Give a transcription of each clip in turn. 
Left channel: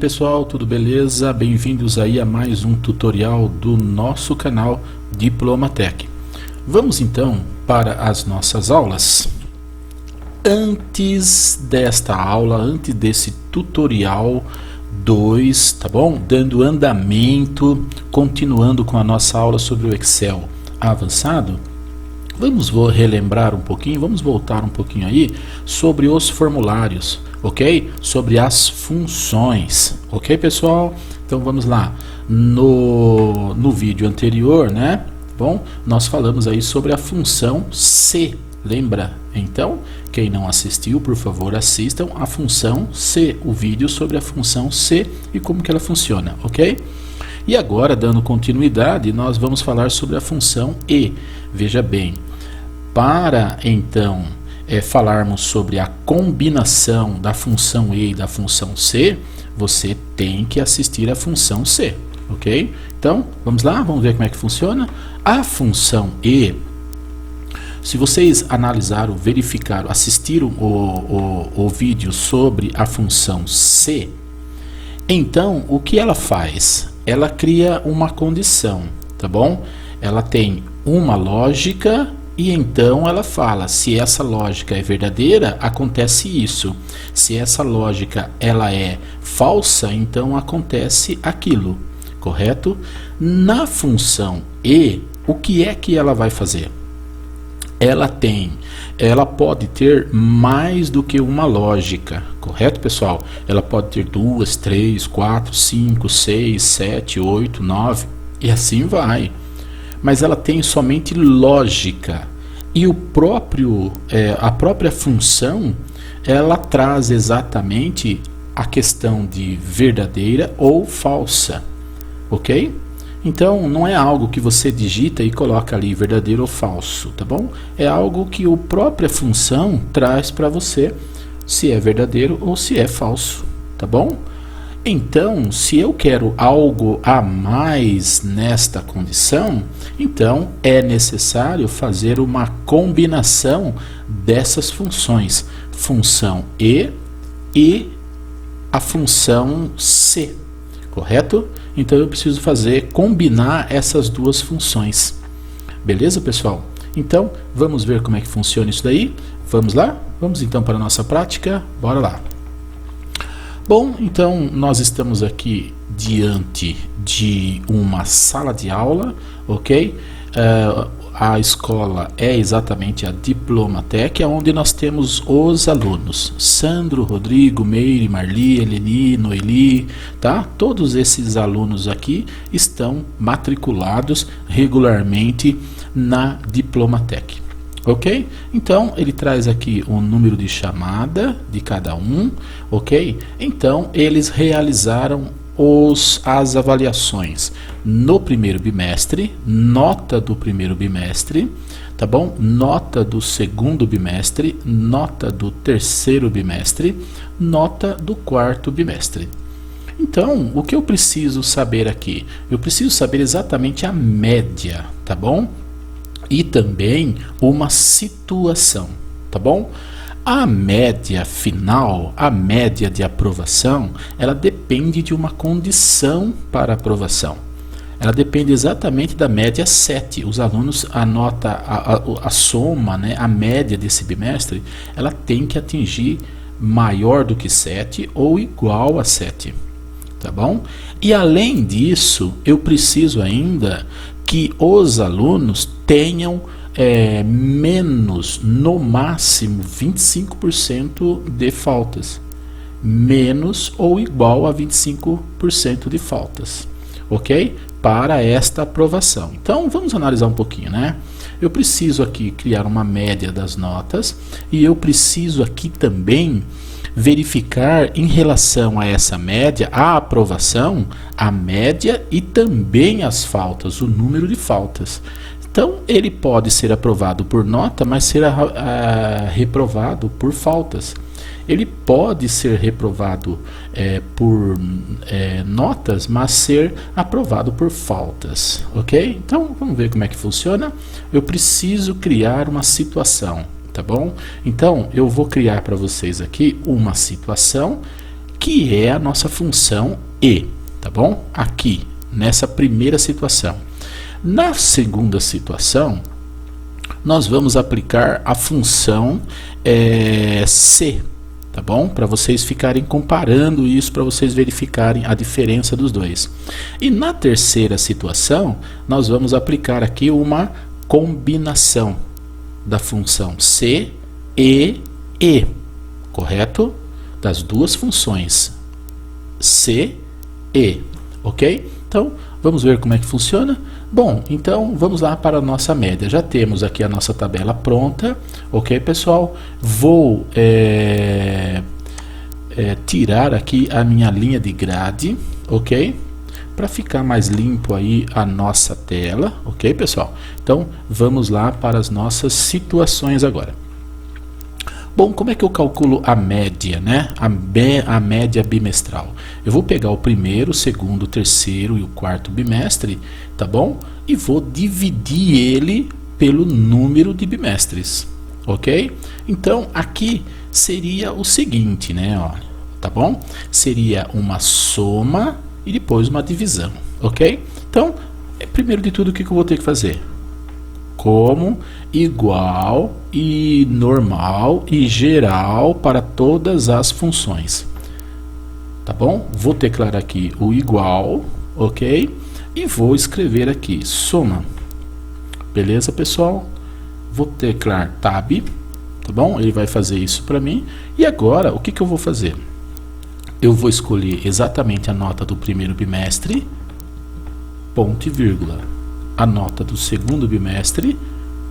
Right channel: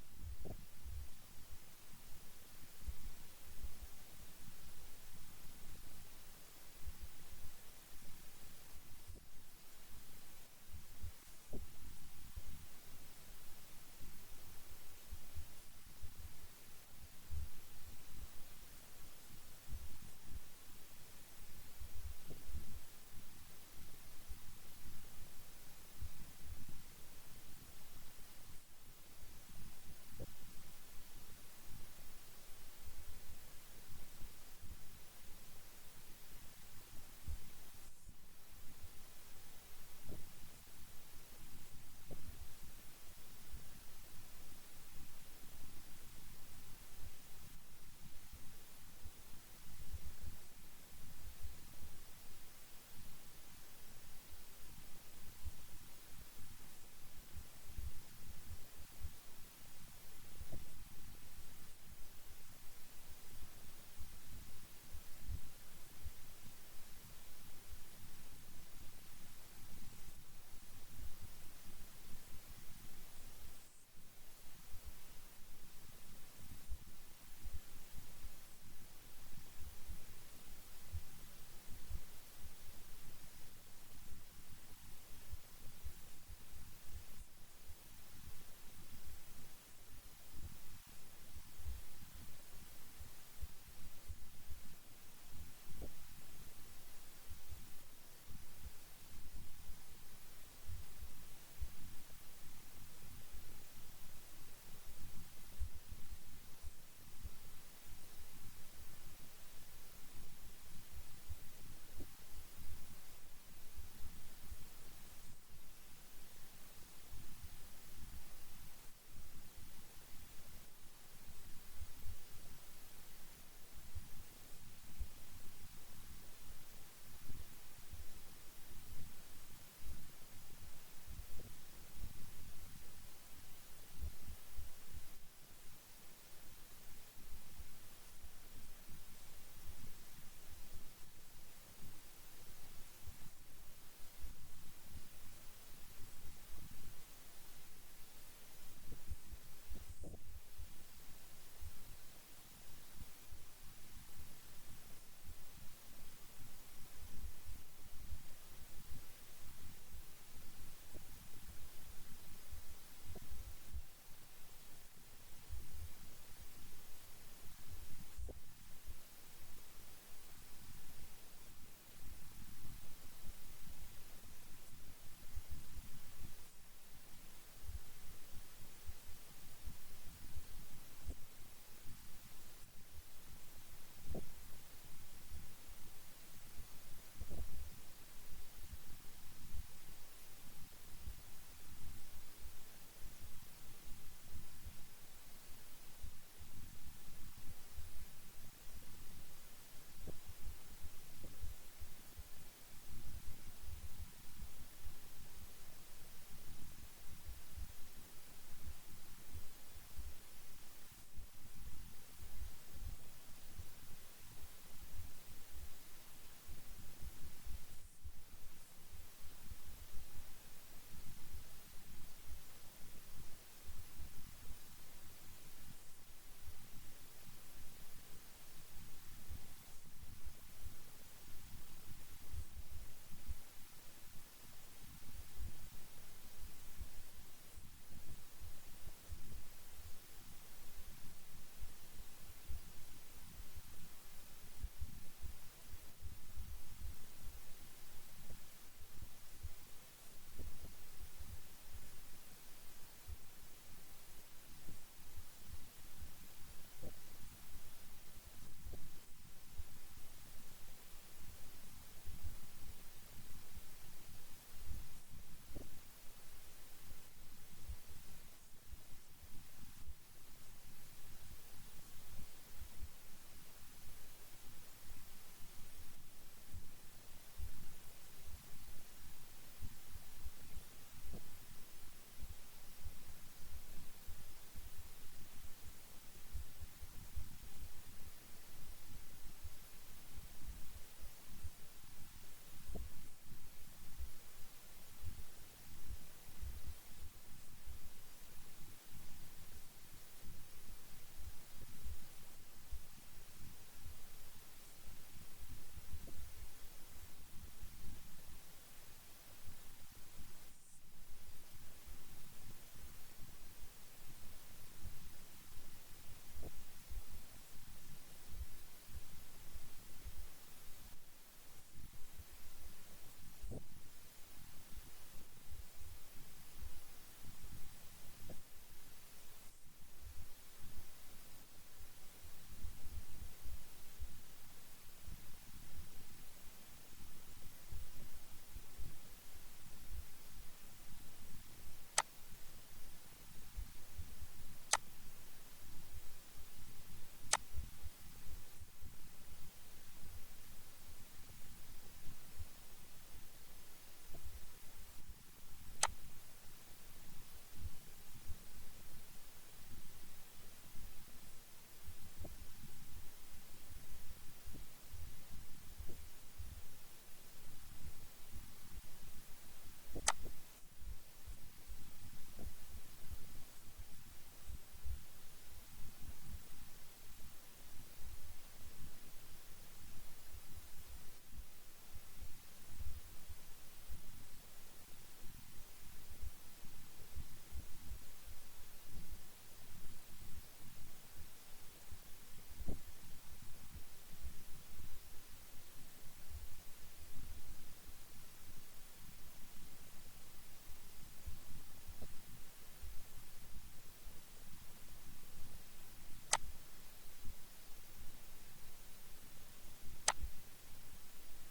pessoal, tudo beleza? Bem-vindos aí a mais um tutorial do nosso canal Diplomatec. Vamos então para as nossas aulas. Antes desta aula, antes desse tutorial 2, tá bom? Dando andamento, continuando com a nossa aula sobre o Excel avançado, vamos relembrar um pouquinho, vamos voltar um pouquinho aí sobre os formulários, ok? Sobre as funções, ok, pessoal? Então vamos lá. No vídeo anterior, né? Bom, nós falamos aí sobre a função C, lembra? Então, quem não assistiu, por favor, assistam a função C, o vídeo sobre a função C e como que ela funciona, ok? E agora, dando continuidade, nós vamos falar sobre a função E. Veja bem, para então falarmos sobre a combinação da função E e da função C, você tem que assistir a função C, ok? Então, vamos lá, vamos ver como é que funciona. A função E, se vocês analisaram, verificaram, assistiram o vídeo sobre a função C, então o que ela faz? Ela cria uma condição, tá bom? Ela tem uma lógica e então ela fala, se essa lógica é verdadeira, acontece isso. Se essa lógica ela é falsa, então acontece aquilo, correto? Na função E, o que é que ela vai fazer? Ela pode ter mais do que uma lógica, correto, pessoal? Ela pode ter 2, 3, 4, 5, 6, 7, 8, 9 e assim vai. Mas ela tem somente lógica. E a própria função, ela traz exatamente a questão de verdadeira ou falsa, ok? Então, não é algo que você digita e coloca ali verdadeiro ou falso, tá bom? É algo que a própria função traz para você se é verdadeiro ou se é falso, tá bom? Então, se eu quero algo a mais nesta condição, então é necessário fazer uma combinação dessas funções, função e a função C, correto? Então eu preciso combinar essas duas funções. Beleza, pessoal? Então, vamos ver como é que funciona isso daí? Vamos lá? Vamos então para a nossa prática? Bora lá! Bom, então nós estamos aqui diante de uma sala de aula, ok? A escola é exatamente a Diplomatec, onde nós temos os alunos Sandro, Rodrigo, Meire, Marli, Eleni, Noeli, tá? Todos esses alunos aqui estão matriculados regularmente na Diplomatec. Ok? Então, ele traz aqui o número de chamada de cada um, ok? Então, eles realizaram as avaliações no primeiro bimestre, nota do primeiro bimestre, tá bom? Nota do segundo bimestre, nota do terceiro bimestre, nota do quarto bimestre. Então, o que eu preciso saber aqui? Eu preciso saber exatamente a média, tá bom? E também uma situação, tá bom? A média final, a média de aprovação, ela depende de uma condição para aprovação. Ela depende exatamente da média 7. Os alunos, a soma, né, a média desse bimestre, ela tem que atingir maior do que 7 ou igual a 7, tá bom? E além disso, eu preciso ainda que os alunos tenham menos, no máximo 25% de faltas, menos ou igual a 25% de faltas, ok? Para esta aprovação. Então vamos analisar um pouquinho, né? Eu preciso aqui criar uma média das notas e eu preciso aqui também verificar em relação a essa média, a aprovação, a média e também as faltas, o número de faltas. Então, ele pode ser aprovado por nota, mas ser reprovado por faltas. Ele pode ser reprovado por notas, mas ser aprovado por faltas, ok? Então, vamos ver como é que funciona. Eu preciso criar uma situação, tá bom? Então, eu vou criar para vocês aqui uma situação que é a nossa função e, tá bom? Aqui, nessa primeira situação. Na segunda situação, nós vamos aplicar a função C, tá bom? Para vocês ficarem comparando isso, para vocês verificarem a diferença dos dois. E na terceira situação, nós vamos aplicar aqui uma combinação da função C e E, correto? Das duas funções C e, ok? Então, vamos ver como é que funciona. Bom, então vamos lá para a nossa média. Já temos aqui a nossa tabela pronta, ok, pessoal? Vou tirar aqui a minha linha de grade, ok? Para ficar mais limpo aí a nossa tela, ok, pessoal? Então, vamos lá para as nossas situações agora. Bom, como é que eu calculo a média, né? A média bimestral. Eu vou pegar o primeiro, o segundo, o terceiro e o quarto bimestre, tá bom? E vou dividir ele pelo número de bimestres, ok? Então, aqui seria o seguinte, né? Olha, tá bom? Seria uma soma e depois uma divisão, ok? Então, primeiro de tudo, o que eu vou ter que fazer? Como igual e normal e geral para todas as funções, tá bom? Vou declarar aqui o igual, ok? E vou escrever aqui soma, beleza, pessoal? Vou declarar tab, tá bom? Ele vai fazer isso para mim. E agora, o que eu vou fazer? Eu vou escolher exatamente a nota do primeiro bimestre, ponto e vírgula. A nota do segundo bimestre,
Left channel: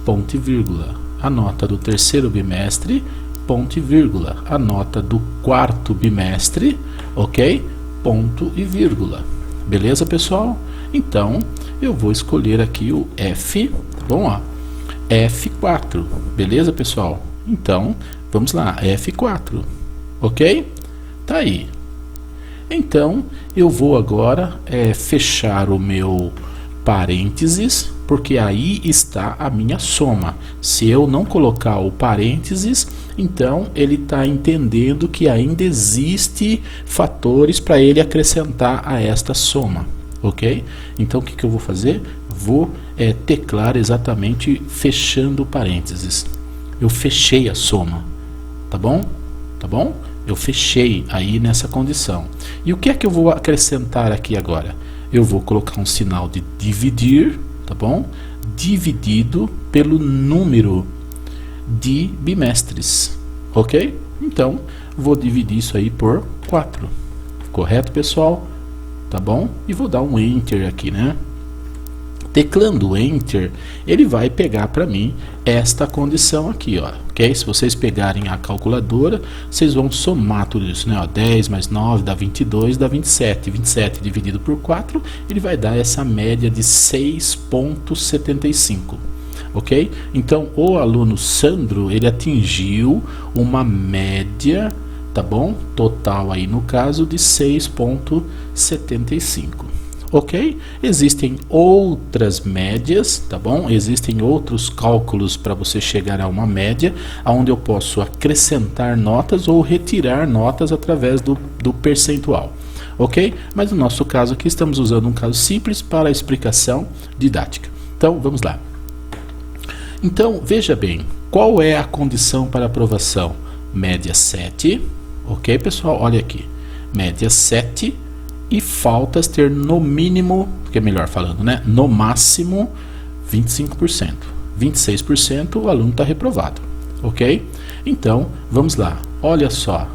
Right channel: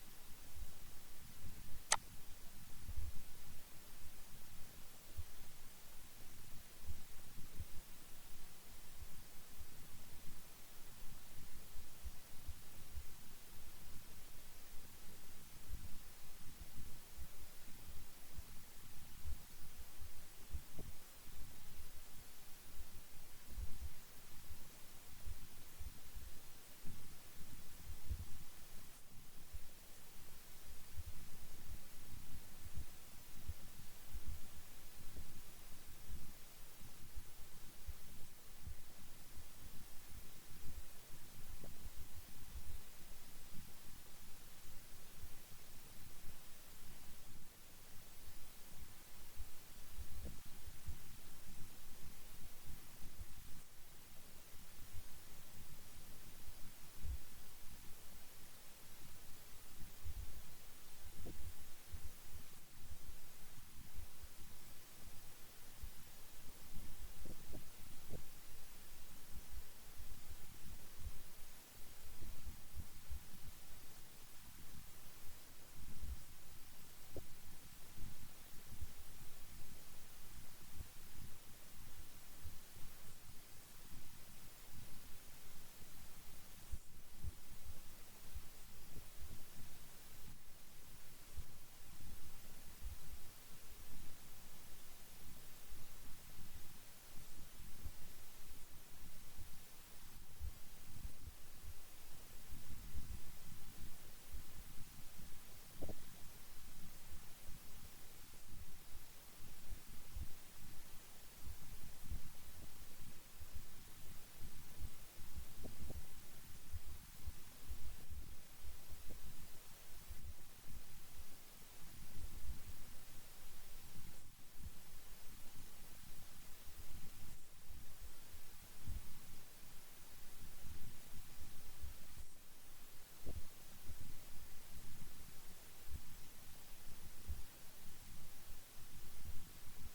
ponto e vírgula. A nota do terceiro bimestre, ponto e vírgula. A nota do quarto bimestre, ok? Ponto e vírgula. Beleza, pessoal? Então, eu vou escolher aqui o F, tá bom? Ó, F4, beleza, pessoal? Então, vamos lá, F4, ok? Tá aí. Então, eu vou agora fechar o meu parênteses, porque aí está a minha soma. Se eu não colocar o parênteses, então ele está entendendo que ainda existe fatores para ele acrescentar a esta soma, ok? Então o que eu vou fazer? Vou teclar exatamente fechando o parênteses. Eu fechei a soma, tá bom? Tá bom? Eu fechei aí nessa condição. E o que é que eu vou acrescentar aqui agora? Eu vou colocar um sinal de dividir, tá bom? Dividido pelo número de bimestres, ok? Então, vou dividir isso aí por 4, correto, pessoal? Tá bom? E vou dar um Enter aqui, né? Teclando Enter, ele vai pegar para mim esta condição aqui, ó, ok? Se vocês pegarem a calculadora, vocês vão somar tudo isso, né? Ó, 10 mais 9 dá 22, dá 27. 27 dividido por 4, ele vai dar essa média de 6,75, ok? Então, o aluno Sandro, ele atingiu uma média, tá bom? Total aí, no caso, de 6,75. Ok? Existem outras médias, tá bom? Existem outros cálculos para você chegar a uma média, onde eu posso acrescentar notas ou retirar notas através do percentual, ok? Mas no nosso caso aqui estamos usando um caso simples para a explicação didática. Então, vamos lá. Então, veja bem, qual é a condição para aprovação? Média 7, ok, pessoal? Olha aqui, média 7, e faltas ter no mínimo, que é melhor falando, né? No máximo 25%. 26% o aluno está reprovado, ok? Então, vamos lá. Olha só,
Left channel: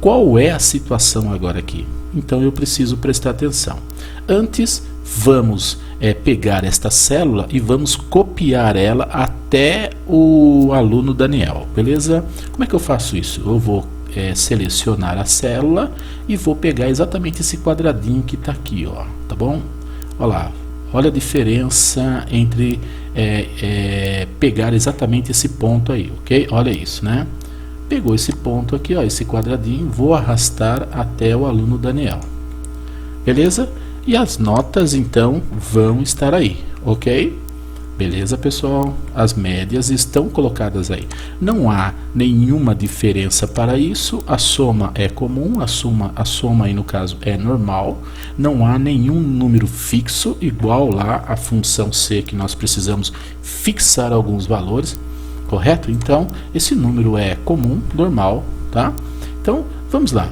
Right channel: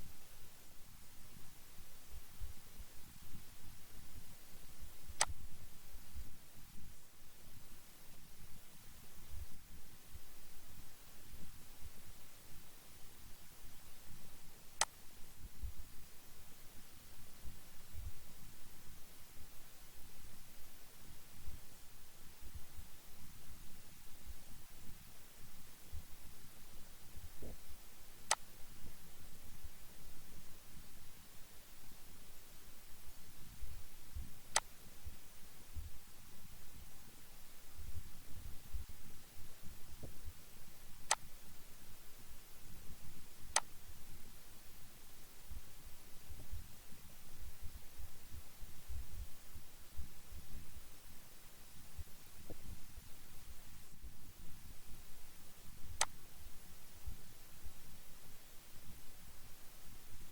qual é a situação agora aqui? Então, eu preciso prestar atenção. Antes, vamos pegar esta célula e vamos copiar ela até o aluno Daniel, beleza? Como é que eu faço isso? Eu vou selecionar a célula e vou pegar exatamente esse quadradinho que está aqui, ó, tá bom? Olha lá, olha a diferença entre pegar exatamente esse ponto aí, ok? Olha isso, né? Pegou esse ponto aqui, ó, esse quadradinho, vou arrastar até o aluno Daniel, beleza? E as notas então vão estar aí, ok? Beleza, pessoal? As médias estão colocadas aí. Não há nenhuma diferença para isso. A soma é comum, a soma aí no caso é normal. Não há nenhum número fixo igual lá a função C, que nós precisamos fixar alguns valores, correto? Então, esse número é comum, normal, tá? Então, vamos lá.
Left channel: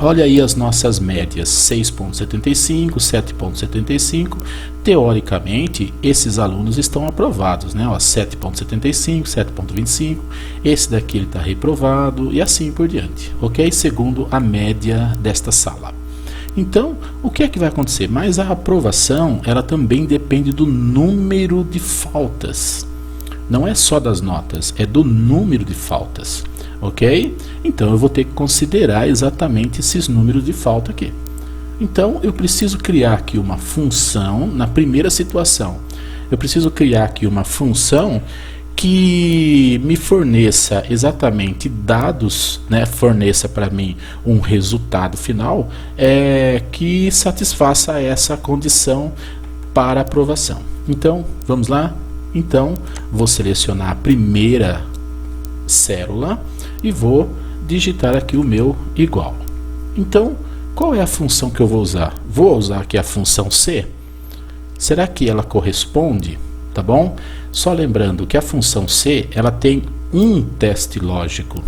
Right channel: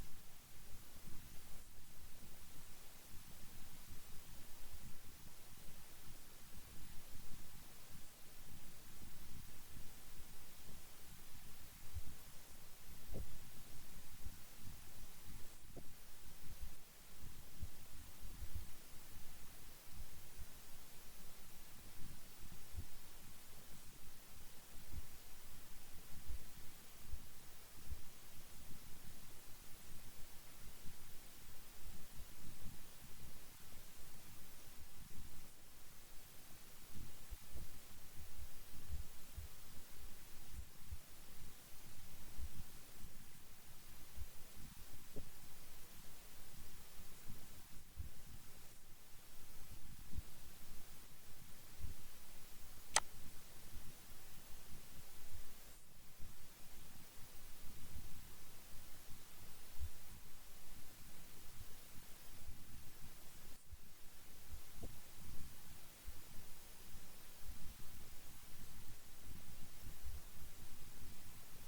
Olha aí as nossas médias, 6,75, 7,75. Teoricamente, esses alunos estão aprovados, né? 7,75, 7,25. Esse daqui ele está reprovado e assim por diante, ok? Segundo a média desta sala. Então, o que é que vai acontecer? Mas a aprovação, ela também depende do número de faltas. Não é só das notas, é do número de faltas. Ok? Então eu vou ter que considerar exatamente esses números de falta aqui. Então eu preciso criar aqui uma função na primeira situação. Eu preciso criar aqui uma função que me forneça exatamente dados, né? Forneça para mim um resultado final que satisfaça essa condição para aprovação. Então vamos lá? Então vou selecionar a primeira célula e vou digitar aqui o meu igual. Então, qual é a função que eu vou usar? Vou usar aqui a função C. Será que ela corresponde? Tá bom? Só lembrando que a função C, ela tem um teste lógico.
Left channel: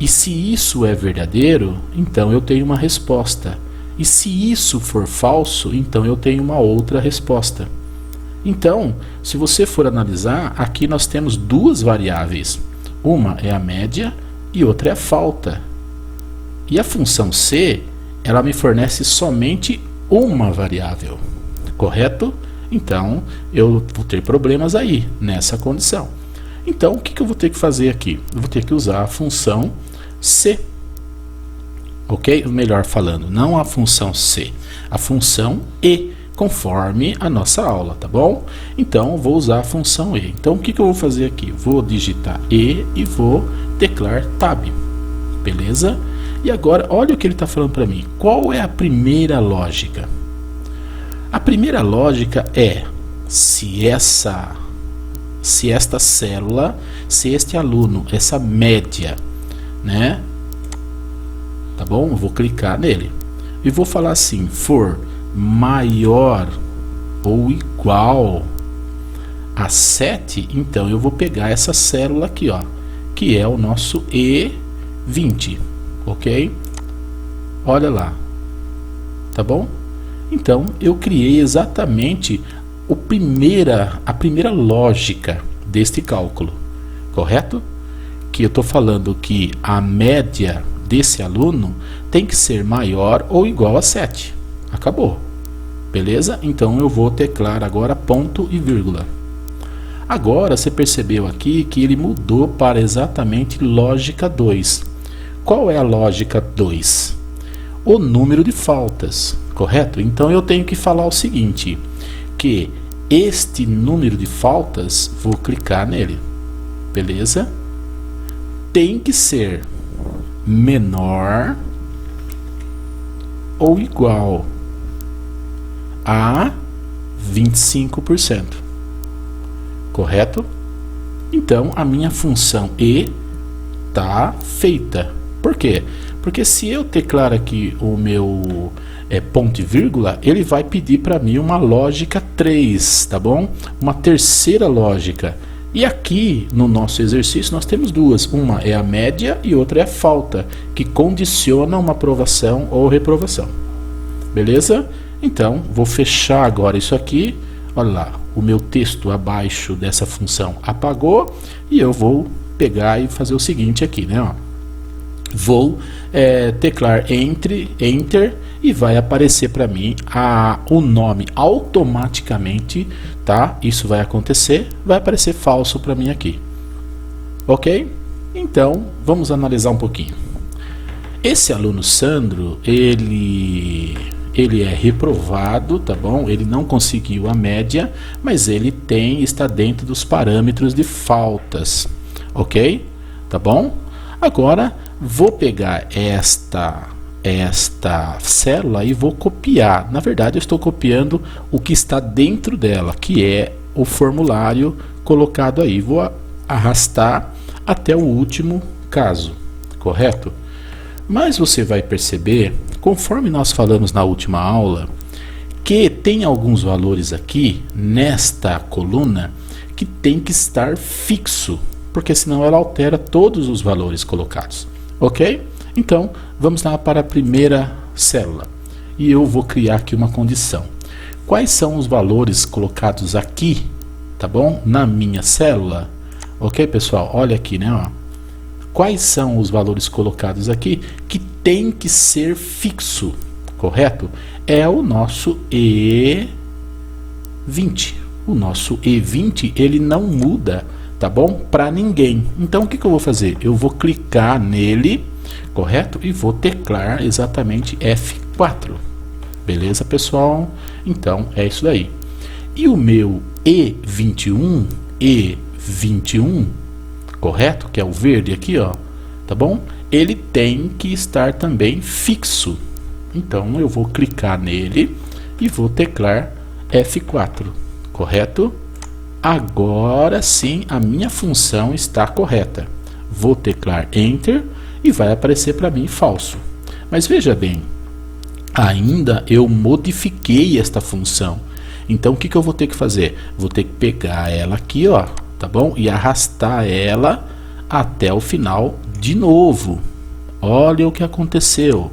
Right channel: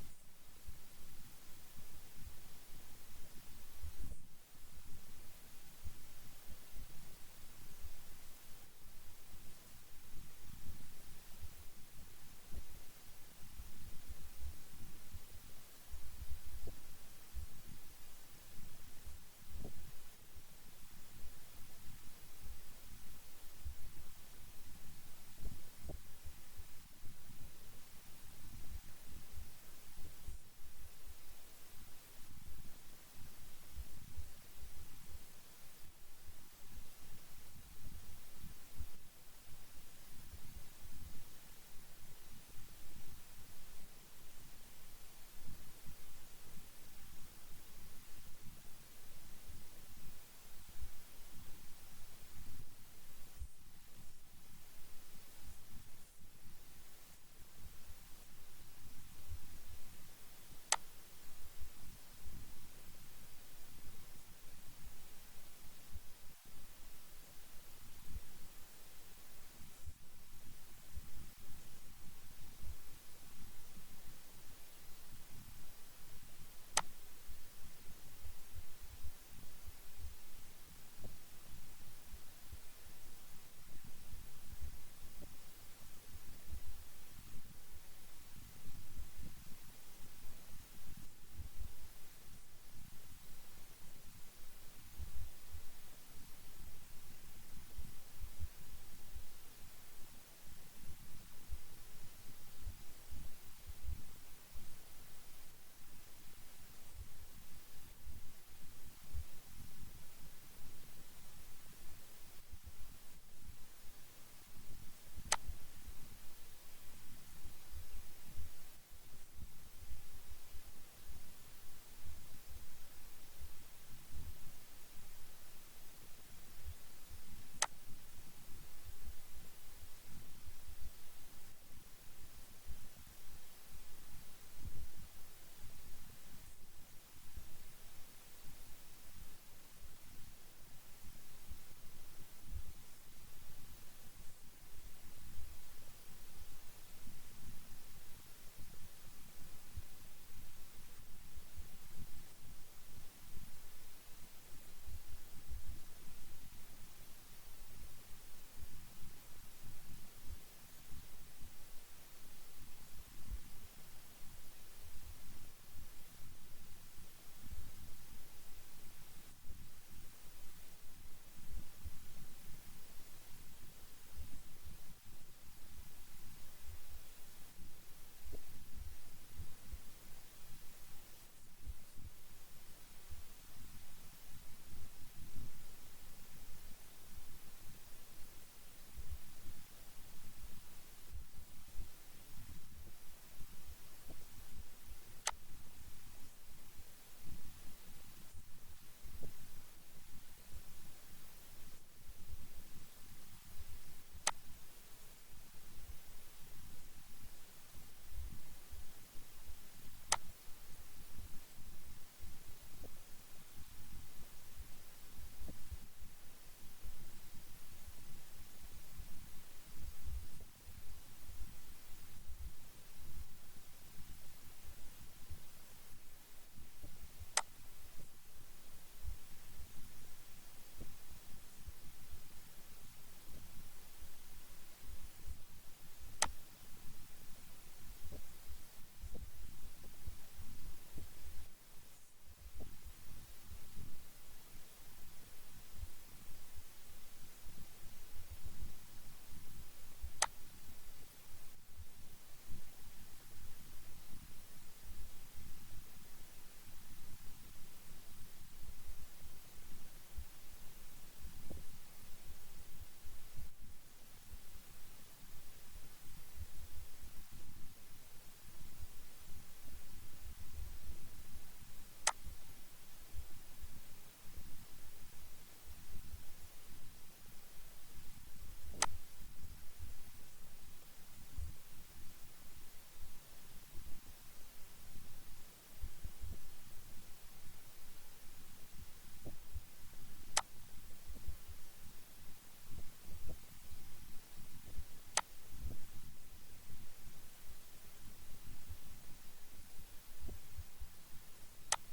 E se isso é verdadeiro, então eu tenho uma resposta. E se isso for falso, então eu tenho uma outra resposta. Então, se você for analisar, aqui nós temos duas variáveis. Uma é a média e outra é a falta. E a função C, ela me fornece somente uma variável, correto? Então, eu vou ter problemas aí, nessa condição. Então, o que eu vou ter que fazer aqui? Eu vou ter que usar a função C. Ok? Melhor falando, não a função C, a função E, conforme a nossa aula, tá bom? Então, vou usar a função E. Então, o que eu vou fazer aqui? Vou digitar E e vou teclar Tab. Beleza? E agora, olha o que ele está falando para mim. Qual é a primeira lógica? A primeira lógica é se esta célula, se este aluno, essa média, né? Tá bom? Eu vou clicar nele e vou falar assim, for maior ou igual a 7, então eu vou pegar essa célula aqui, ó, que é o nosso E20, ok? Olha lá, tá bom? Então eu criei exatamente a primeira lógica deste cálculo, correto? Que eu estou falando que a média desse aluno tem que ser maior ou igual a 7. Acabou. Beleza? Então eu vou teclar agora ponto e vírgula. Agora você percebeu aqui que ele mudou para exatamente lógica 2. Qual é a lógica 2? O número de faltas, correto? Então eu tenho que falar o seguinte, que este número de faltas, vou clicar nele, beleza? Tem que ser menor ou igual a 25%, correto? Então a minha função E está feita. Por quê? Porque se eu teclar aqui o meu ponto e vírgula, ele vai pedir para mim uma lógica 3, tá bom? Uma terceira lógica. E aqui no nosso exercício nós temos duas, uma é a média e outra é a falta, que condiciona uma aprovação ou reprovação. Beleza? Então, vou fechar agora isso aqui. Olha lá, o meu texto abaixo dessa função apagou. E eu vou pegar e fazer o seguinte aqui, né? Ó. Vou teclar Enter e vai aparecer para mim o nome automaticamente, tá? Isso vai acontecer, vai aparecer falso para mim aqui. Ok? Então, vamos analisar um pouquinho. Esse aluno Sandro, ele é reprovado, tá bom? Ele não conseguiu a média, mas ele está dentro dos parâmetros de faltas, ok? Tá bom? Agora, vou pegar esta célula e vou copiar. Na verdade, eu estou copiando o que está dentro dela, que é o formulário colocado aí. Vou arrastar até o último caso, correto? Mas você vai perceber, conforme nós falamos na última aula, que tem alguns valores aqui nesta coluna que tem que estar fixo, porque senão ela altera todos os valores colocados, ok? Então, vamos lá para a primeira célula e eu vou criar aqui uma condição. Quais são os valores colocados aqui, tá bom? Na minha célula, ok, pessoal? Olha aqui, né? Ó. Quais são os valores colocados aqui que tem que ser fixo, correto? É o nosso E20. O nosso E20, ele não muda, tá bom? Para ninguém. Então, o que eu vou fazer? Eu vou clicar nele, correto? E vou teclar exatamente F4. Beleza, pessoal? Então, é isso daí. E o meu E21, correto? Que é o verde aqui, ó, tá bom? Ele tem que estar também fixo. Então, eu vou clicar nele e vou teclar F4, correto? Agora sim, a minha função está correta. Vou teclar Enter e vai aparecer para mim falso. Mas veja bem, ainda eu modifiquei esta função. Então, o que eu vou ter que fazer? Vou ter que pegar ela aqui, ó, tá bom? E arrastar ela até o final de novo. Olha o que aconteceu.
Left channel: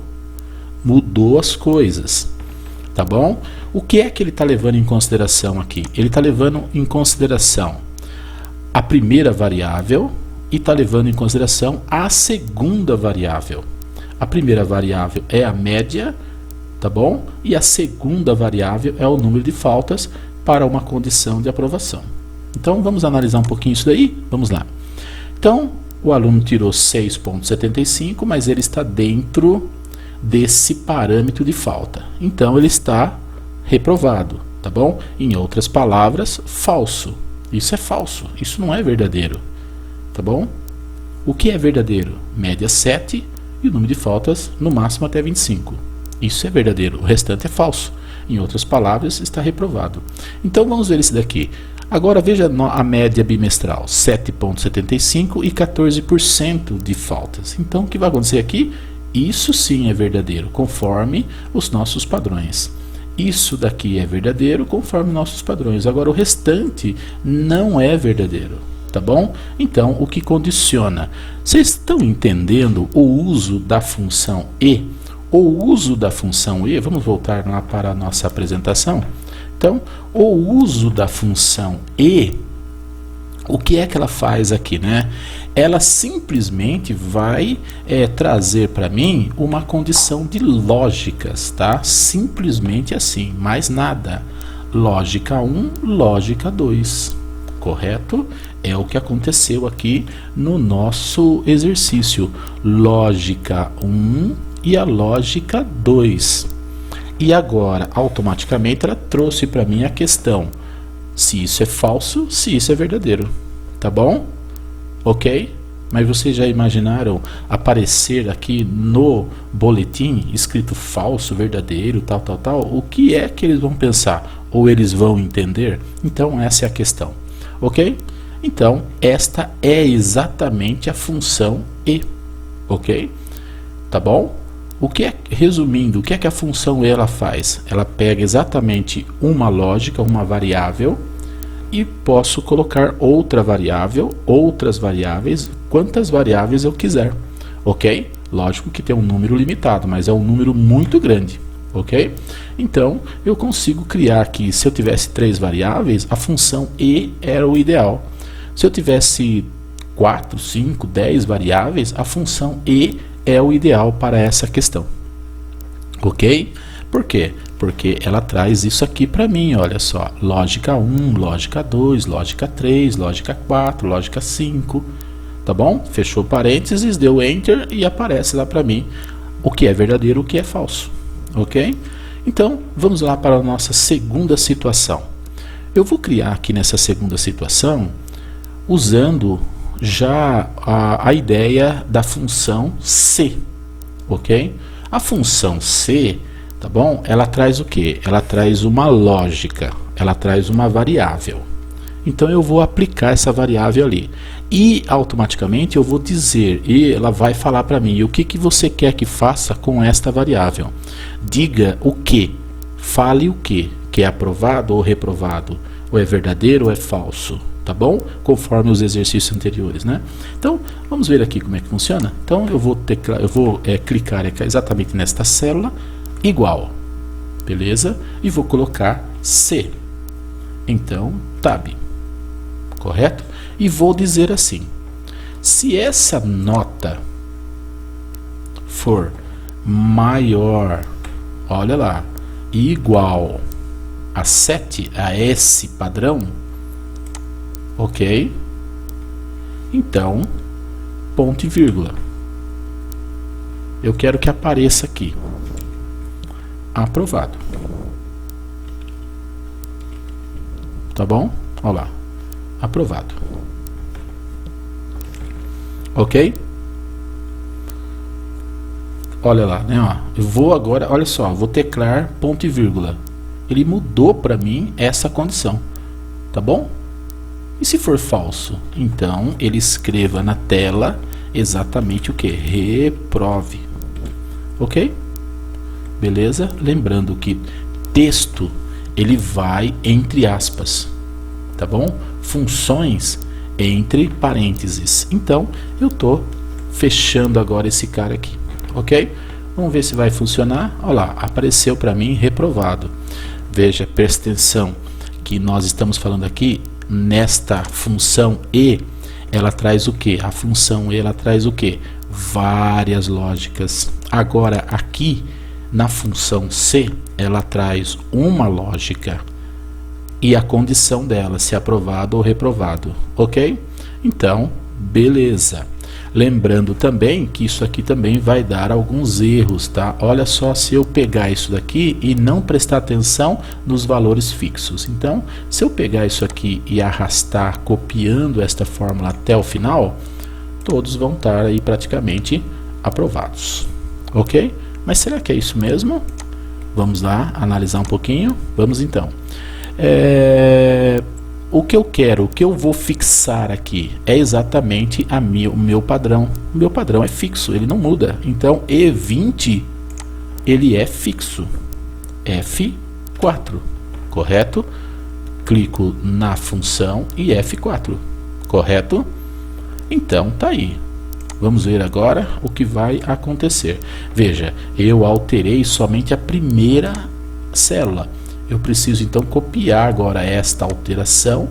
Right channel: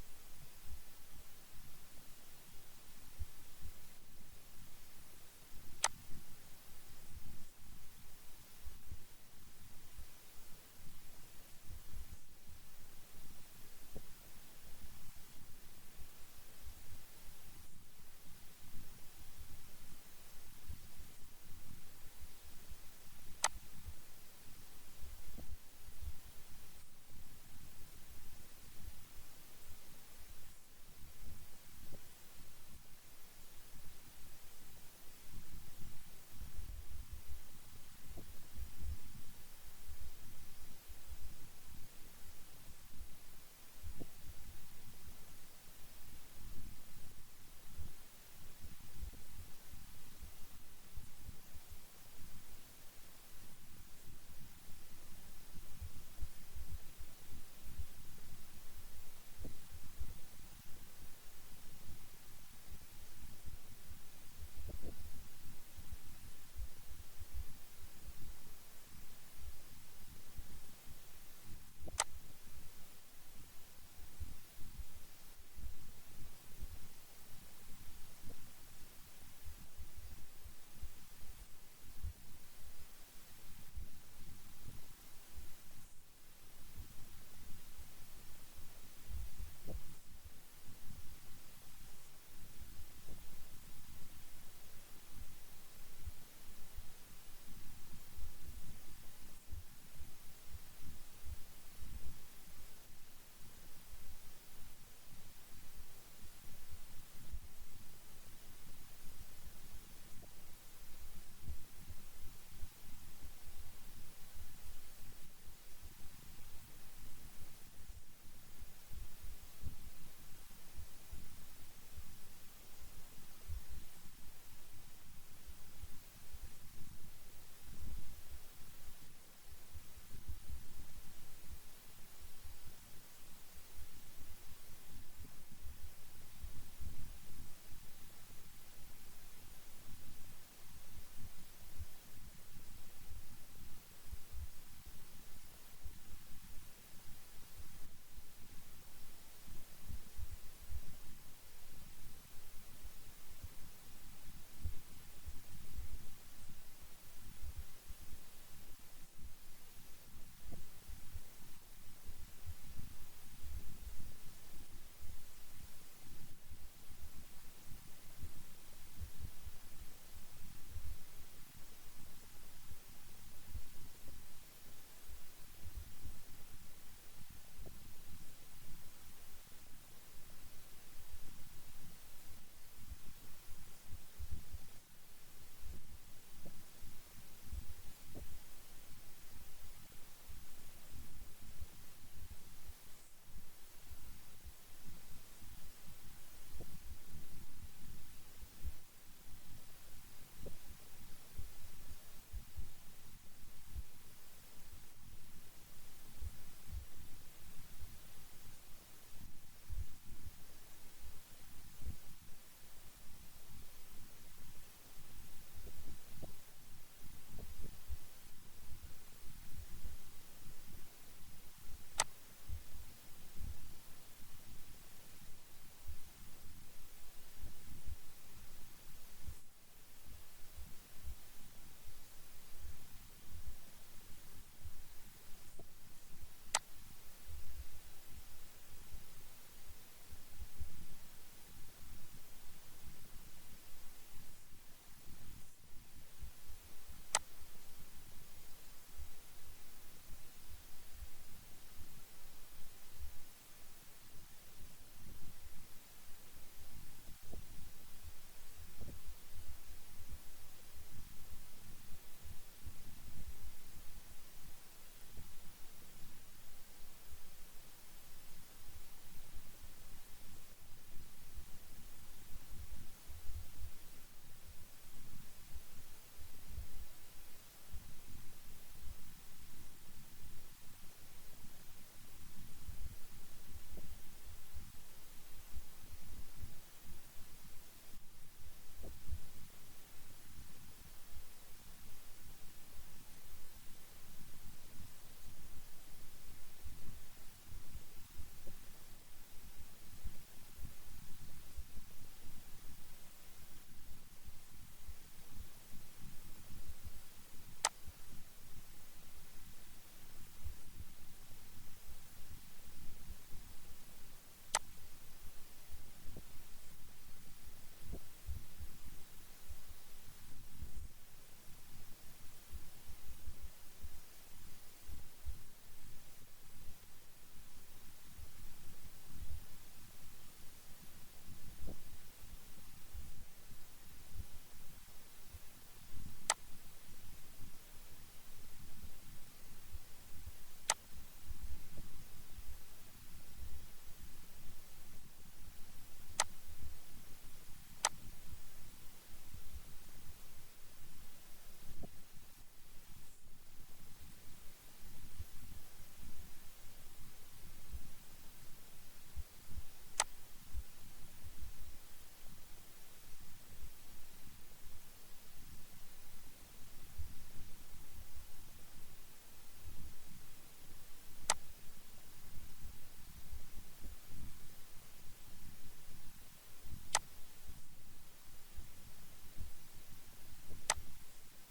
Mudou as coisas, tá bom? O que é que ele está levando em consideração aqui? Ele está levando em consideração a primeira variável e está levando em consideração a segunda variável. A primeira variável é a média, tá bom? E a segunda variável é o número de faltas para uma condição de aprovação. Então, vamos analisar um pouquinho isso daí? Vamos lá. Então, o aluno tirou 6,75, mas ele está dentro desse parâmetro de falta. Então, ele está reprovado, tá bom? Em outras palavras, falso. Isso é falso, isso não é verdadeiro, tá bom? O que é verdadeiro? Média 7 e o número de faltas no máximo até 25. Isso é verdadeiro, o restante é falso. Em outras palavras, está reprovado. Então, vamos ver esse daqui. Agora, veja a média bimestral, 7,75 e 14% de faltas. Então, o que vai acontecer aqui? Isso sim é verdadeiro, conforme os nossos padrões. Isso daqui é verdadeiro, conforme nossos padrões. Agora, o restante não é verdadeiro, tá bom? Então, o que condiciona? Vocês estão entendendo o uso da função E? O uso da função E, vamos voltar lá para a nossa apresentação. Então, o uso da função E, o que é que ela faz aqui, né? Ela simplesmente vai trazer para mim uma condição de lógicas, tá? Simplesmente assim, mais nada. Lógica 1, lógica 2, correto? É o que aconteceu aqui no nosso exercício. Lógica 1 e a lógica 2. E agora, automaticamente, ela trouxe para mim a questão se isso é falso, se isso é verdadeiro, tá bom? Ok? Mas vocês já imaginaram aparecer aqui no boletim escrito falso, verdadeiro, tal, tal, tal? O que é que eles vão pensar? Ou eles vão entender? Então, essa é a questão, ok? Então, esta é exatamente a função E, ok? Tá bom? Resumindo, o que é que a função E ela faz? Ela pega exatamente uma lógica, uma variável, e posso colocar outra variável, outras variáveis, quantas variáveis eu quiser, ok? Lógico que tem um número limitado, mas é um número muito grande, ok? Então, eu consigo criar aqui, se eu tivesse 3 variáveis, a função E era o ideal. Se eu tivesse 4, 5, 10 variáveis, a função E é o ideal para essa questão, ok? Por quê? Porque ela traz isso aqui para mim, olha só, lógica 1, lógica 2, lógica 3, lógica 4, lógica 5, tá bom? Fechou parênteses, deu Enter e aparece lá para mim o que é verdadeiro, o que é falso, ok? Então, vamos lá para a nossa segunda situação. Eu vou criar aqui nessa segunda situação, usando já a ideia da função C, ok? A função C, tá bom? Ela traz o quê? Ela traz uma lógica, ela traz uma variável. Então eu vou aplicar essa variável ali. E automaticamente eu vou dizer, e ela vai falar para mim, o que, que você quer que faça com esta variável. Diga o que, fale o que é aprovado ou reprovado, ou é verdadeiro ou é falso, tá bom? Conforme os exercícios anteriores, né? Então, vamos ver aqui como é que funciona. Então eu vou clicar exatamente nesta célula, igual, beleza? E vou colocar C. Então, tab, correto? E vou dizer assim, se essa nota for maior, olha lá, igual a 7, a S padrão, ok? Então, ponto e vírgula. Eu quero que apareça aqui, aprovado. Tá bom? Olha lá, aprovado. Ok? Olha lá, né? Ó, eu vou agora, olha só, vou teclar ponto e vírgula. Ele mudou para mim essa condição, tá bom? E se for falso? Então ele escreva na tela exatamente o que? Reprove. Ok? Beleza? Lembrando que texto ele vai entre aspas, tá bom? Funções entre parênteses. Então eu tô fechando agora esse cara aqui, ok? Vamos ver se vai funcionar. Olha lá, apareceu para mim reprovado. Veja, presta atenção que nós estamos falando aqui nesta função E, ela traz o que? A função E ela traz o que? Várias lógicas. Agora aqui na função C ela traz uma lógica e a condição dela, se aprovado ou reprovado, ok? Então, beleza. Lembrando também que isso aqui também vai dar alguns erros, tá? Olha só se eu pegar isso daqui e não prestar atenção nos valores fixos. Então, se eu pegar isso aqui e arrastar copiando esta fórmula até o final, todos vão estar aí praticamente aprovados, ok? Mas será que é isso mesmo? Vamos lá analisar um pouquinho. Vamos então. O que eu quero, o que eu vou fixar aqui é exatamente o meu padrão. O meu padrão é fixo, ele não muda. Então E20 ele é fixo, F4, correto? Clico na função e F4, correto? Então tá aí. Vamos ver agora o que vai acontecer. Veja, eu alterei somente a primeira célula. Eu preciso então copiar agora esta alteração,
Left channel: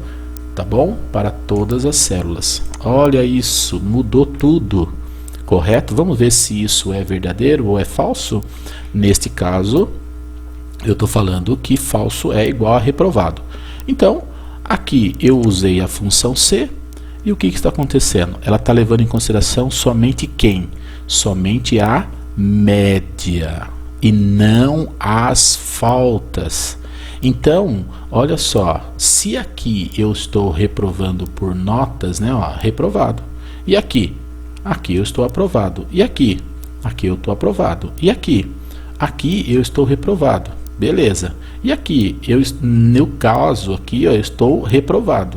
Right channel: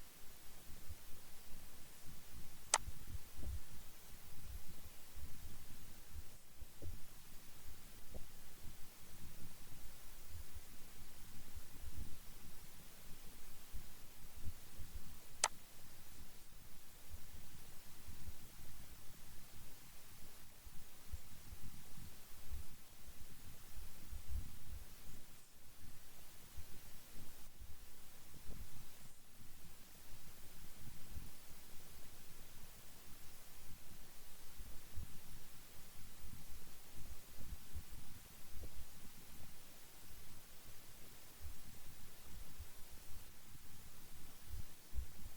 tá bom? Para todas as células. Olha isso, mudou tudo, correto? Vamos ver se isso é verdadeiro ou é falso. Neste caso, eu estou falando que falso é igual a reprovado. Então, aqui eu usei a função C e o que está acontecendo? Ela está levando em consideração somente quem? Somente a média e não as faltas. Então, olha só, se aqui eu estou reprovando por notas, né, ó, reprovado. E aqui? Aqui eu estou aprovado. E aqui? Aqui eu estou aprovado. E aqui? Aqui eu estou reprovado. Beleza. E aqui? No caso aqui eu estou reprovado.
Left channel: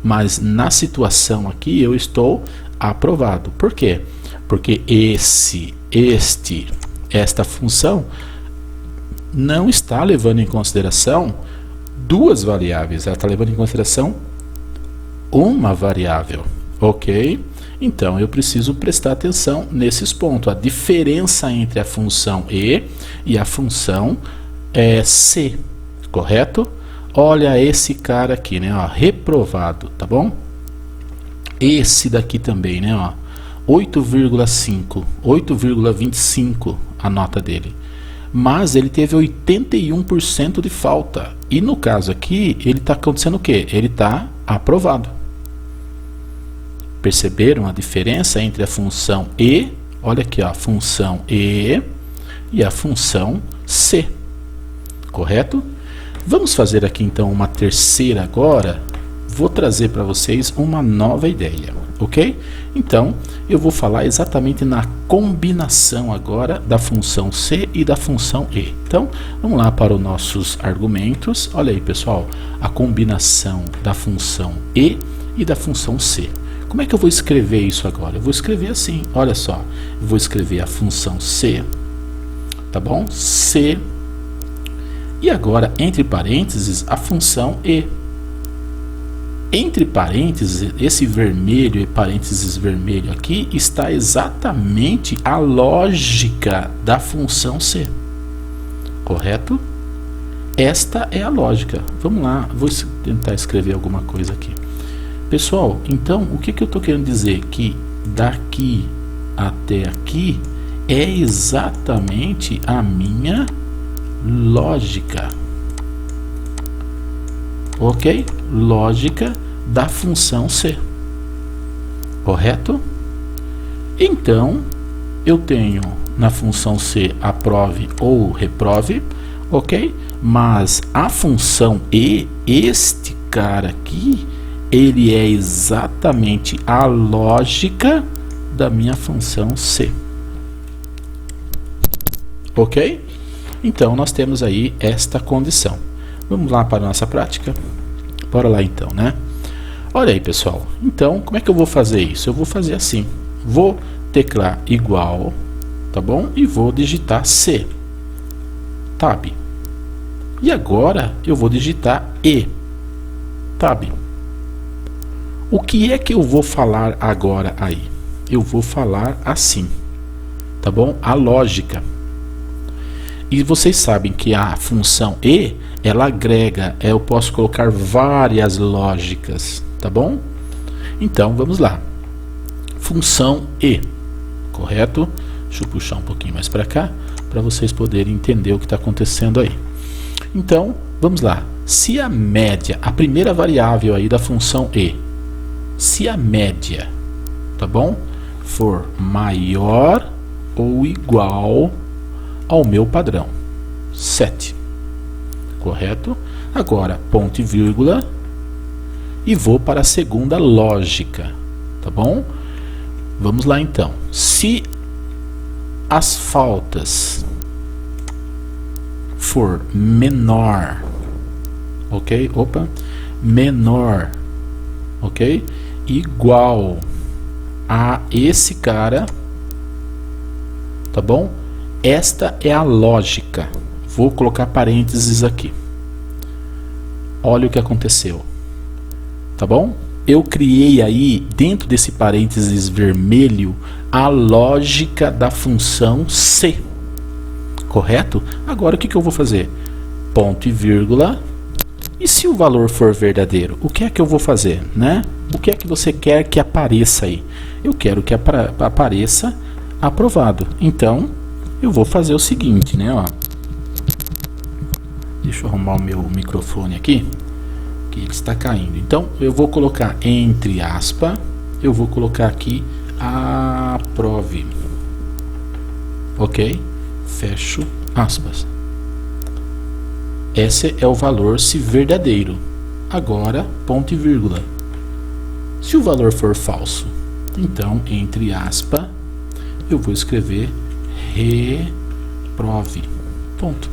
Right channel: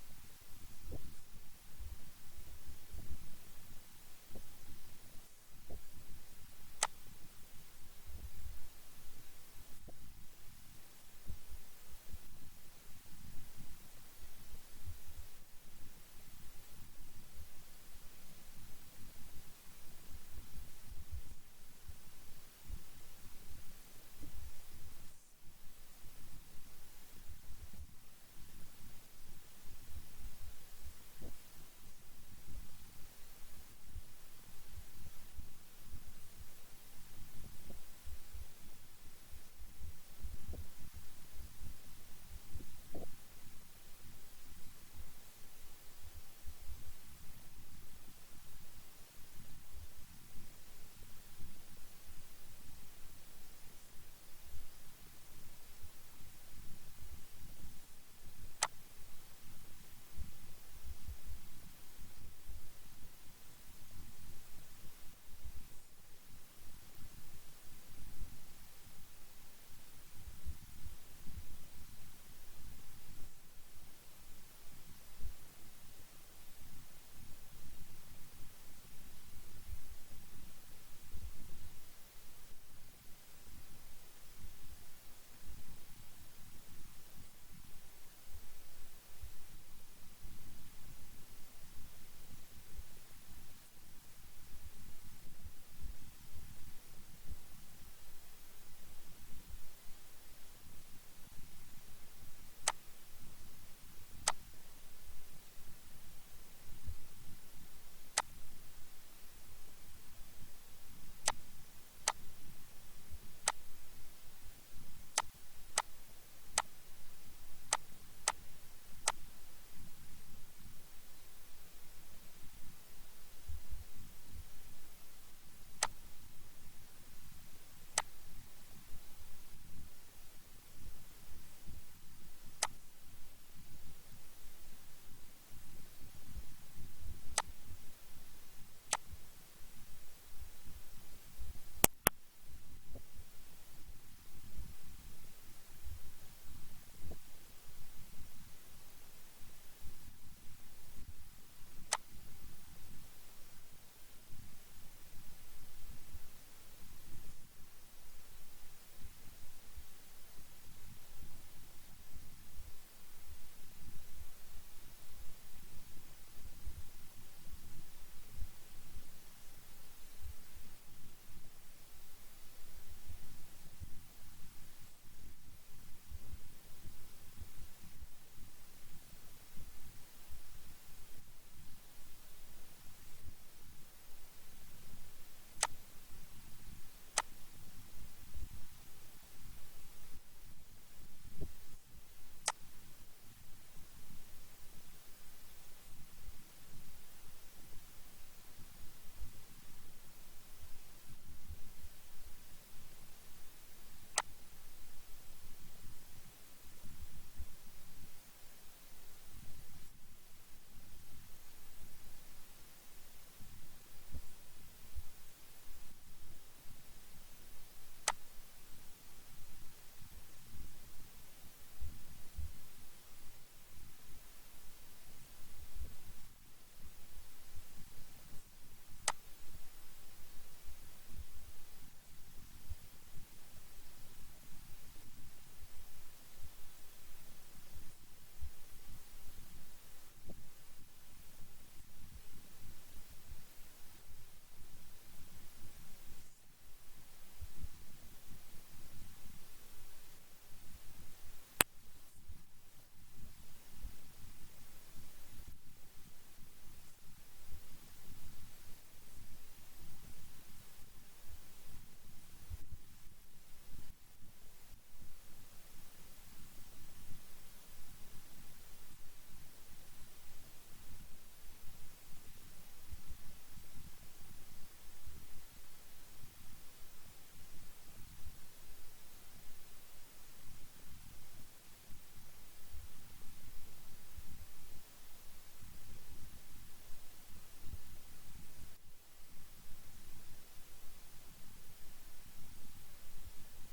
Mas na situação aqui eu estou aprovado. Por quê? Porque esta função não está levando em consideração duas variáveis, ela está levando em consideração uma variável, ok? Então eu preciso prestar atenção nesses pontos, a diferença entre a função e a função C, correto? Olha esse cara aqui, né, ó, reprovado, tá bom? Esse daqui também, né, ó, 8,5, 8,25 a nota dele. Mas ele teve 81% de falta. E no caso aqui, ele está acontecendo o quê? Ele está aprovado. Perceberam a diferença entre a função E? Olha aqui, ó, a função E e a função C. Correto? Vamos fazer aqui então uma terceira agora. vou trazer para vocês uma nova ideia, ok? Então, eu vou falar exatamente na combinação agora da função C e da função E. Então, vamos lá para os nossos argumentos. Olha aí, pessoal, a combinação da função E e da função C. Como é que eu vou escrever isso agora? Eu vou escrever assim, olha só. Eu vou escrever a função C, tá bom? C. E agora, entre parênteses, a função E. Entre parênteses, esse vermelho e parênteses vermelho aqui está exatamente a lógica da função C. Correto? Esta é a lógica. Vamos lá, vou tentar escrever alguma coisa aqui. Pessoal, então, o que eu estou querendo dizer? Que daqui até aqui é exatamente a minha lógica. Ok? Lógica da função C. Correto? Então, eu tenho na função C aprove ou reprove, ok? Mas a função E, este cara aqui, ele é exatamente a lógica da minha função C. Ok? Então, nós temos aí esta condição. Vamos lá para a nossa prática? Bora lá então, né? Olha aí, pessoal. Então, como é que eu vou fazer isso? Eu vou fazer assim. Vou teclar igual, tá bom? E vou digitar C. Tab. E agora, eu vou digitar E. Tab. O que é que eu vou falar agora aí? Eu vou falar assim, tá bom? A lógica. E vocês sabem que a função E, ela agrega, eu posso colocar várias lógicas, tá bom? Então, vamos lá. Função E, correto? Deixa eu puxar um pouquinho mais para cá, para vocês poderem entender o que está acontecendo aí. Então, vamos lá. Se a média, a primeira variável aí da função E, se a média, tá bom, for maior ou igual ao meu padrão, 7, correto? Agora, ponto e vírgula, e vou para a segunda lógica, tá bom? Vamos lá então. Se as faltas for menor, ok? Opa, menor, ok? Igual a esse cara, tá bom? Esta é a lógica. Vou colocar parênteses aqui. Olha o que aconteceu, tá bom? Eu criei aí, dentro desse parênteses vermelho, a lógica da função C. Correto? Agora o que eu vou fazer? Ponto e vírgula. E se o valor for verdadeiro, o que é que eu vou fazer, né? O que é que você quer que apareça aí? Eu quero que apareça aprovado. Então, eu vou fazer o seguinte, né? Ó. Deixa eu arrumar o meu microfone aqui, que ele está caindo. Então, eu vou colocar entre aspas, eu vou colocar aqui aprove. Ok? Fecho aspas. Esse é o valor se verdadeiro. Agora, ponto e vírgula. Se o valor for falso, então, entre aspas, eu vou escrever reprove. Ponto.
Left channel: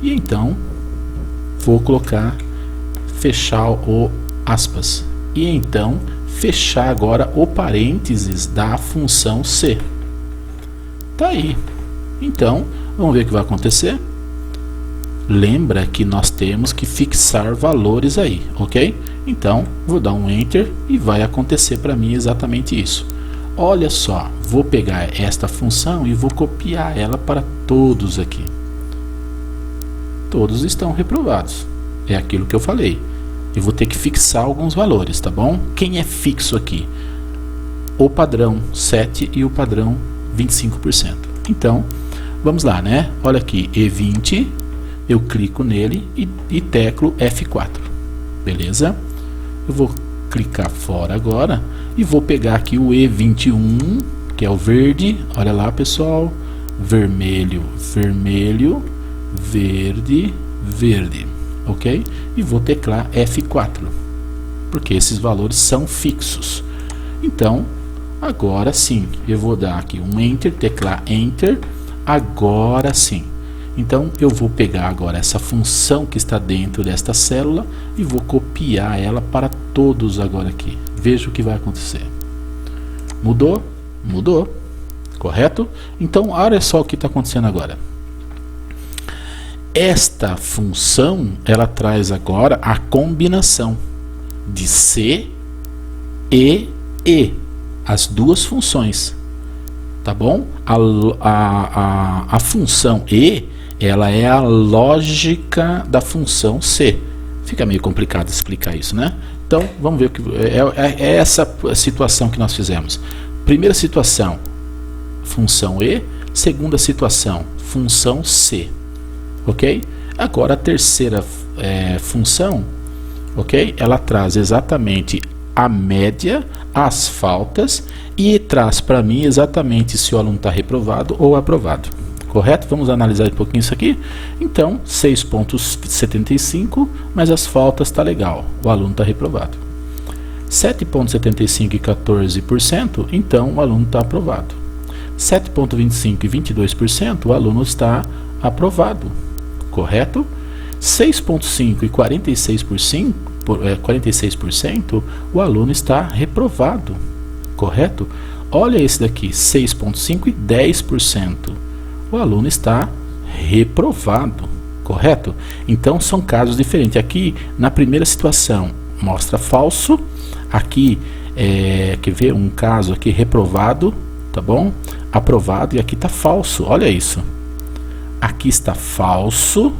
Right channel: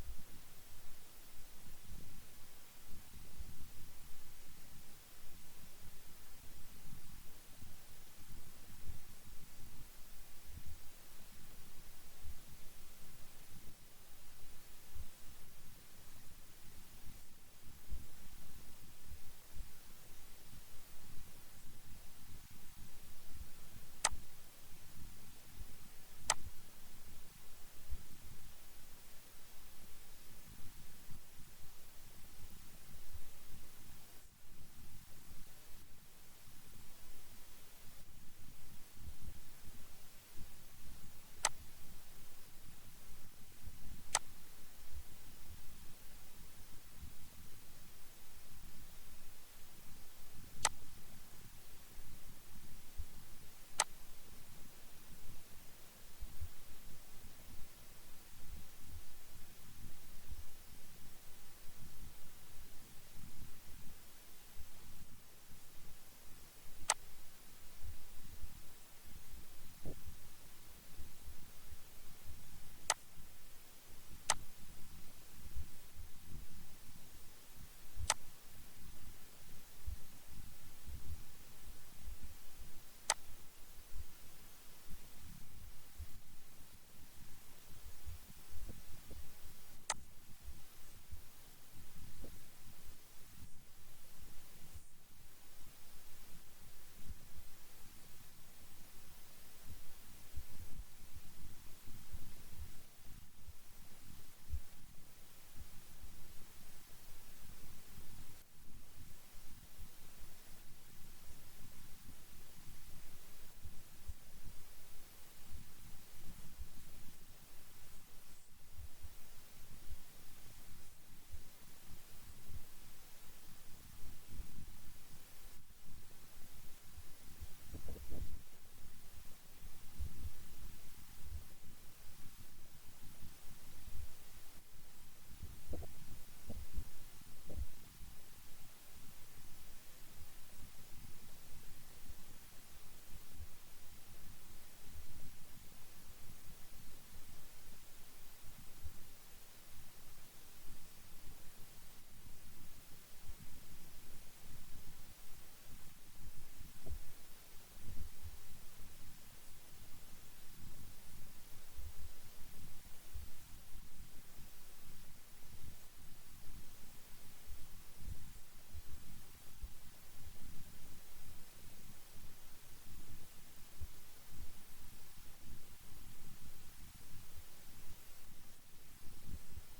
E então, vou colocar, fechar o aspas. E então, fechar agora o parênteses da função C. Tá aí. Então, vamos ver o que vai acontecer. Lembra que nós temos que fixar valores aí, ok? Então, vou dar um Enter e vai acontecer para mim exatamente isso. Olha só, vou pegar esta função e vou copiar ela para todos aqui. Todos estão reprovados. É aquilo que eu falei. Eu vou ter que fixar alguns valores, tá bom? Quem é fixo aqui? O padrão 7 e o padrão 25%. Então, vamos lá, né? Olha aqui, E20, eu clico nele e teclo F4. Beleza? Eu vou clicar fora agora e vou pegar aqui o E21, que é o verde. Olha lá, pessoal. Vermelho, vermelho, verde, verde. Ok? E vou teclar F4. porque esses valores são fixos. Então, agora sim, eu vou dar aqui um Enter, teclar Enter, agora sim. Então, eu vou pegar agora essa função que está dentro desta célula e vou copiar ela para todos agora aqui. Veja o que vai acontecer. Mudou? Mudou. Correto? Então, olha só o que está acontecendo agora. Esta função, ela traz agora a combinação de C e E, as duas funções, tá bom? A função E, ela é a lógica da função C. Fica meio complicado explicar isso, né? Então, vamos ver o que é essa situação que nós fizemos. Primeira situação, função E. Segunda situação, função C. Ok? Agora a terceira função, ok? Ela traz exatamente a média, as faltas e traz para mim exatamente se o aluno está reprovado ou aprovado. Correto? Vamos analisar um pouquinho isso aqui. Então, 6,75, mas as faltas está legal, o aluno está reprovado. 7,75 e 14%, então o aluno está aprovado. 7,25 e 22%, o aluno está aprovado. Correto? 6,5 e 46%, o aluno está reprovado. Correto? Olha esse daqui, 6,5 e 10%, o aluno está reprovado. Correto? Então são casos diferentes. Aqui na primeira situação mostra falso, aqui quer ver um caso aqui reprovado, tá bom? Aprovado, e aqui está falso. Olha isso. Aqui está falso,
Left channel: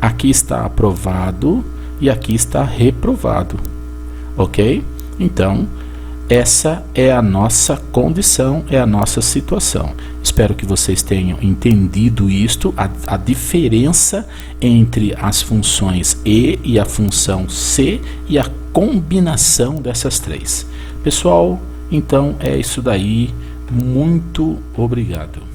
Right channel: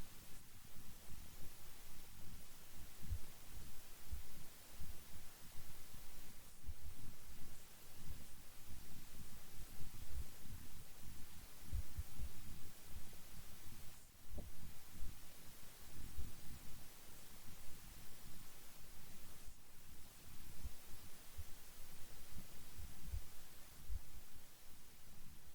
aqui está aprovado e aqui está reprovado. Ok? Então, essa é a nossa condição, é a nossa situação. Espero que vocês tenham entendido isto, a diferença entre as funções E a função C e a combinação dessas três. Pessoal, então é isso daí. Muito obrigado.